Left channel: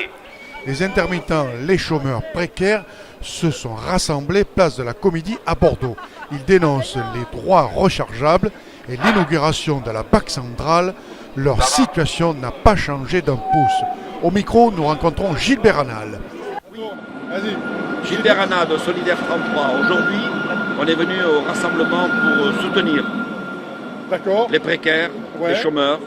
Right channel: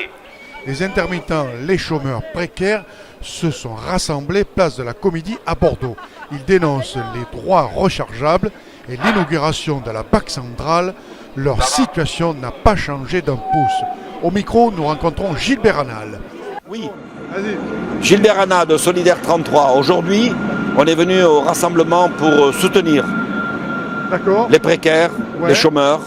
retraités. Les intermittents, les chômeurs précaires se sont rassemblés place de la Comédie à Bordeaux. Ils dénoncent les droits rechargeables et l'inauguration de la Banque centrale. Leur situation n'a pas changé d'un pouce. Au micro, nous rencontrons Gilbert Anal. Oui, Gilbert Anal de Solidaire 33. Aujourd'hui, on est venu au rassemblement pour soutenir les précaires, les chômeurs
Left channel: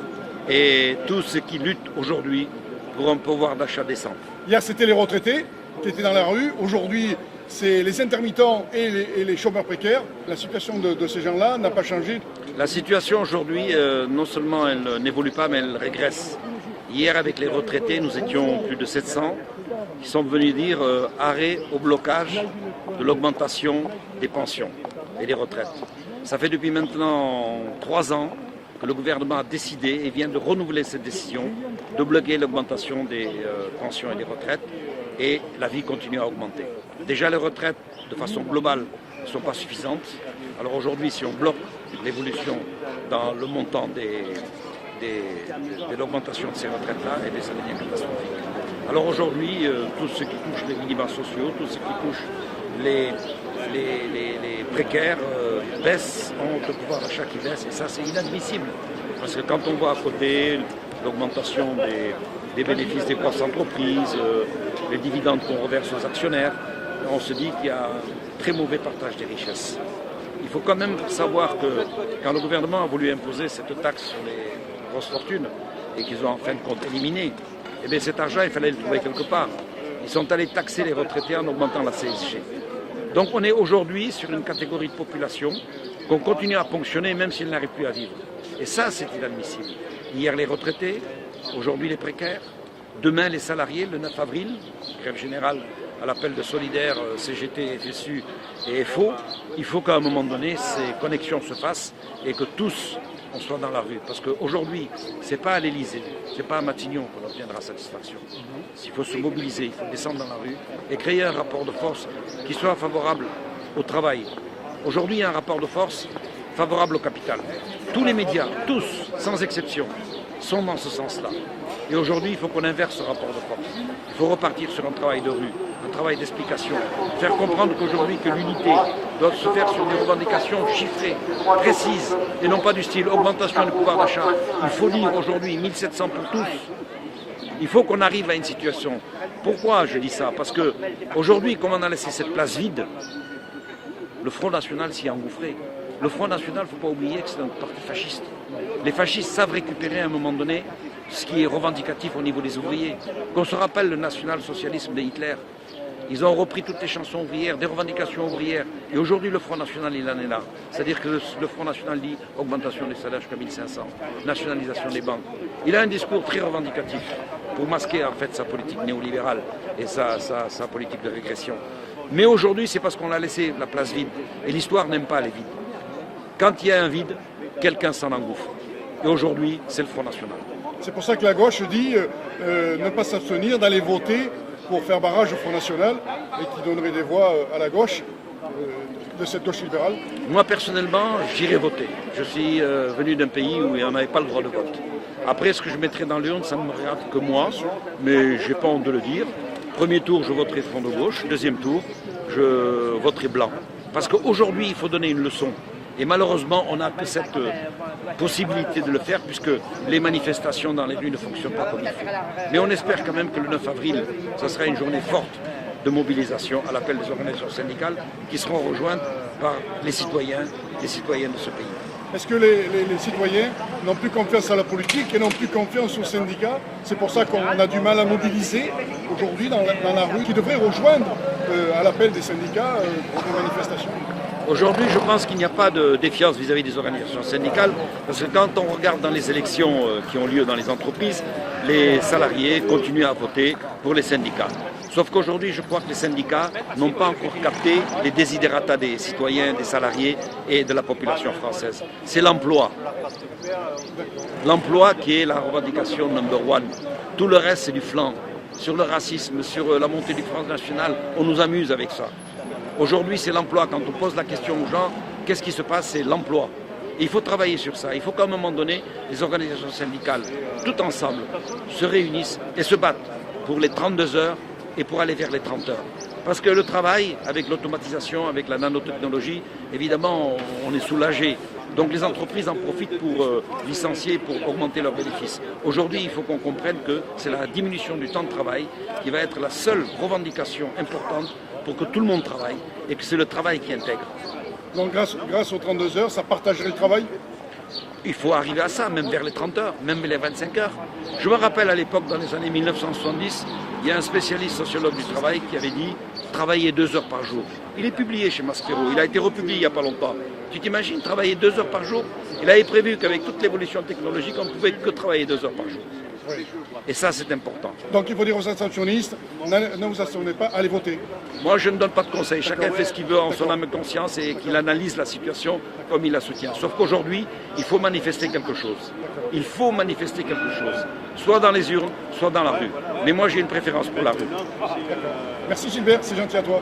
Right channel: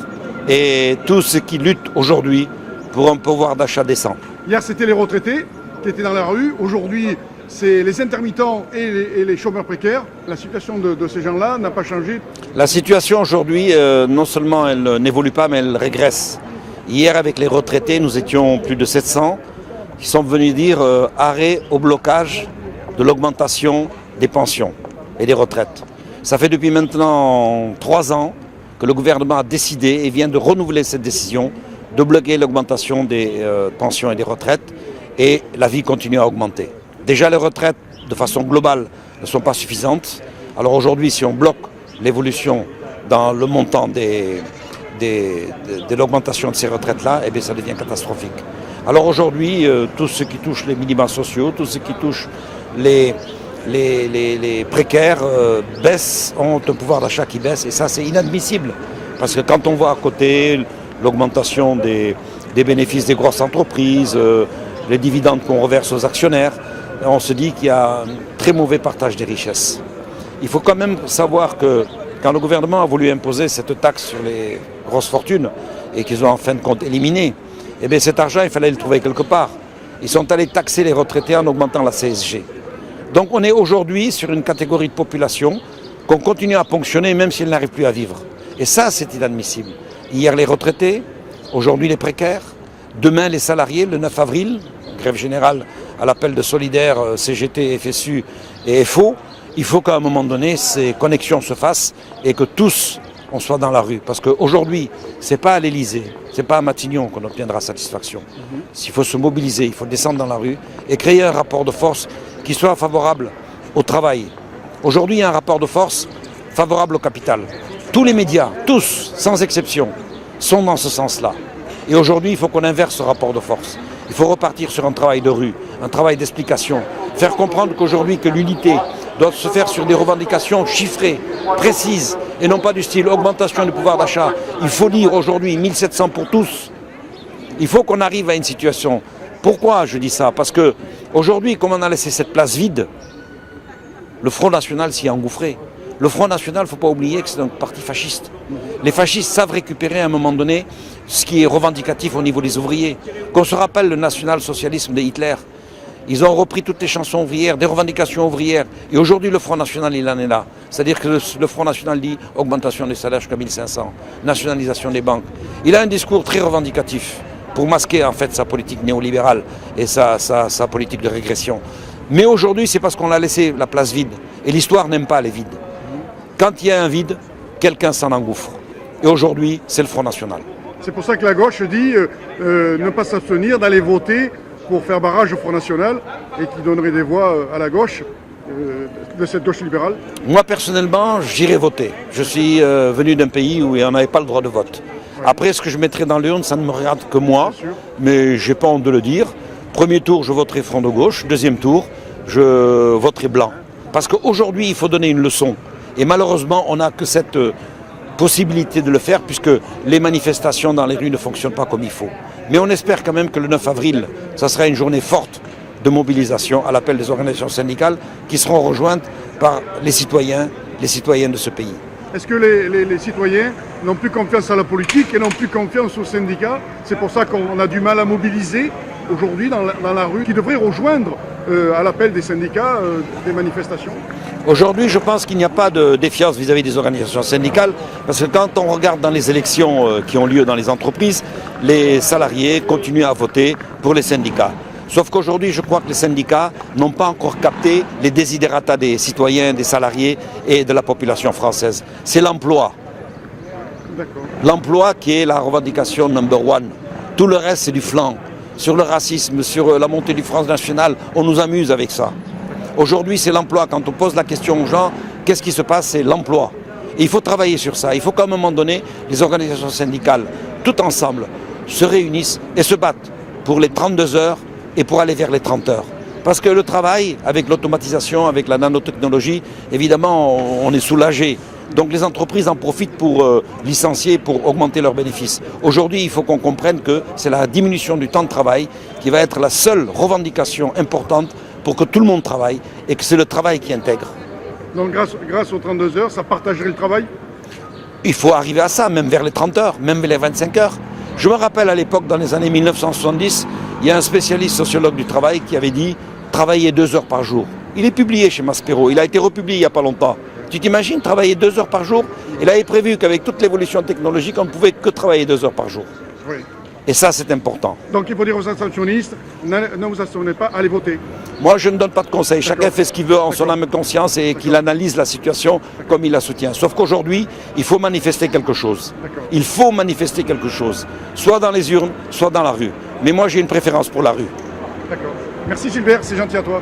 et tous ceux qui luttent aujourd'hui pour un pouvoir d'achat décent. Hier, c'était les retraités qui étaient dans la rue. Aujourd'hui, c'est les intermittents et les chômeurs précaires. La situation de ces gens-là n'a pas changé. La situation aujourd'hui, non seulement elle n'évolue pas, mais elle régresse. Hier, avec les retraités, nous étions plus de 700 qui sont venus dire arrêt au blocage de l'augmentation des pensions et des retraites. Ça fait depuis maintenant 3 ans que le gouvernement a décidé et vient de renouveler cette décision de bloquer l'augmentation des pensions et des retraites, et la vie continue à augmenter. Déjà, les retraites, de façon globale, ne sont pas suffisantes. Alors aujourd'hui, si on bloque l'évolution dans le montant de l'augmentation de ces retraites-là, eh bien, ça devient catastrophique. Alors aujourd'hui, tout ce qui touche les minima sociaux, tout ce qui touche les précaires baissent, ont un pouvoir d'achat qui baisse, et ça, c'est inadmissible. Parce que quand on voit à côté l'augmentation des bénéfices des grosses entreprises, les dividendes qu'on reverse aux actionnaires, on se dit qu'il y a un très mauvais partage des richesses. Il faut quand même savoir que quand le gouvernement a voulu imposer cette taxe sur les grosses fortunes et qu'ils ont en fin de compte éliminé, eh bien cet argent, il fallait le trouver quelque part. Ils sont allés taxer les retraités en augmentant la CSG. Donc on est aujourd'hui sur une catégorie de population qu'on continue à ponctionner même s'ils n'arrivent plus à vivre. Et ça, c'est inadmissible. Hier, les retraités, aujourd'hui, les précaires, demain, les salariés, le 9 avril, grève générale à l'appel de Solidaire, CGT, FSU et FO. Il faut qu'à un moment donné, ces connexions se fassent et que tous, on soit dans la rue. Parce qu'aujourd'hui, ce n'est pas à l'Élysée, ce n'est pas à Matignon qu'on obtiendra satisfaction. S'il faut se mobiliser, il faut descendre dans la rue et créer un rapport de force qui soit favorable au travail. Aujourd'hui, il y a un rapport de force favorable au capital. Tous les médias, tous, sans exception, sont dans ce sens-là. Et aujourd'hui, il faut qu'on inverse ce rapport de force. Il faut repartir sur un travail de rue, un travail d'explication. Faire comprendre qu'aujourd'hui, que l'unité doit se faire sur des revendications chiffrées, précises, et non pas du style augmentation du pouvoir d'achat. Il faut dire aujourd'hui 1700 pour tous. Il faut qu'on arrive à une situation. Pourquoi je dis ça? Parce qu'aujourd'hui, comme on a laissé cette place vide, le Front National s'y est engouffré. Le Front National, il ne faut pas oublier que c'est un parti fasciste. Les fascistes savent récupérer à un moment donné ce qui est revendicatif au niveau des ouvriers. Qu'on se rappelle le national-socialisme de Hitler. Ils ont repris toutes les chansons ouvrières, des revendications ouvrières. Et aujourd'hui, le Front National, il en est là. C'est-à-dire que le Front National dit augmentation des salaires jusqu'à 1500, nationalisation des banques. Il a un discours très revendicatif pour masquer en fait sa politique néolibérale et sa politique de régression. Mais aujourd'hui, c'est parce qu'on a laissé la place vide. Et l'histoire n'aime pas les vides. Quand il y a un vide, quelqu'un s'en engouffre. Et aujourd'hui, c'est le Front National. C'est pour ça que la gauche dit ne pas s'abstenir d'aller voter pour faire barrage au Front National et qui donnerait des voix à la gauche, de cette gauche libérale. Moi, personnellement, j'irai voter. Je suis venu d'un pays où on n'avait pas le droit de vote. Ouais. Après, ce que je mettrai dans l'urne, ça ne me regarde que moi, mais je n'ai pas honte de le dire. Premier tour, je voterai Front de gauche. Deuxième tour, je voterai blanc. Parce qu'aujourd'hui, il faut donner une leçon. Et malheureusement, on n'a que cette possibilité de le faire puisque les manifestations dans les rues ne fonctionnent pas comme il faut. Mais on espère quand même que le 9 avril, ça sera une journée forte de mobilisation à l'appel des organisations syndicales qui seront rejointes par les citoyennes de ce pays. Est-ce que les citoyens n'ont plus confiance à la politique et n'ont plus confiance aux syndicats? C'est pour ça qu'on a du mal à mobiliser aujourd'hui dans la rue, qui devrait rejoindre à l'appel des syndicats des manifestations. Aujourd'hui, je pense qu'il n'y a pas de défiance vis-à-vis des organisations syndicales, parce que quand on regarde dans les élections qui ont lieu dans les entreprises, les salariés continuent à voter pour les syndicats. Sauf qu'aujourd'hui, je crois que les syndicats n'ont pas encore capté les desiderata des citoyens, des salariés et de la population française. C'est l'emploi. L'emploi qui est la revendication number one. Tout le reste, c'est du flanc. Sur le racisme, sur la montée du Front National, on nous amuse avec ça. Aujourd'hui, c'est l'emploi. Quand on pose la question aux gens, qu'est-ce qui se passe? C'est l'emploi. Et il faut travailler sur ça. Il faut qu'à un moment donné, les organisations syndicales, tout ensemble, se réunissent et se battent pour les 32 heures et pour aller vers les 30 heures. Parce que le travail, avec l'automatisation, avec la nanotechnologie, évidemment, on est soulagé. Donc les entreprises en profitent pour licencier, pour augmenter leurs bénéfices. Aujourd'hui, il faut qu'on comprenne que c'est la diminution du temps de travail qui va être la seule revendication importante pour que tout le monde travaille et que c'est le travail qui intègre. Donc grâce aux 32 heures, ça partagerait le travail? Il faut arriver à ça, même vers les 30 heures, même vers les 25 heures. Je me rappelle à l'époque, dans les années 1970, il y a un spécialiste sociologue du travail qui avait dit « travailler 2 heures par jour ». Il est publié chez Maspero, il a été republié il n'y a pas longtemps. Tu t'imagines travailler 2 heures par jour? Il avait prévu qu'avec toute l'évolution technologique, on ne pouvait que travailler 2 heures par jour. Oui. Et ça, c'est important. Donc il faut dire aux abstentionnistes, ne vous abstenez pas, allez voter. Moi, je ne donne pas de conseils. Chacun fait ce qu'il veut en son âme et conscience et qu'il analyse la situation comme il la soutient. Sauf qu'aujourd'hui, il faut manifester quelque chose. Il faut manifester quelque chose. Soit dans les urnes, soit dans la rue. Mais moi, j'ai une préférence pour la rue. D'accord. Merci Gilbert, c'est gentil à toi.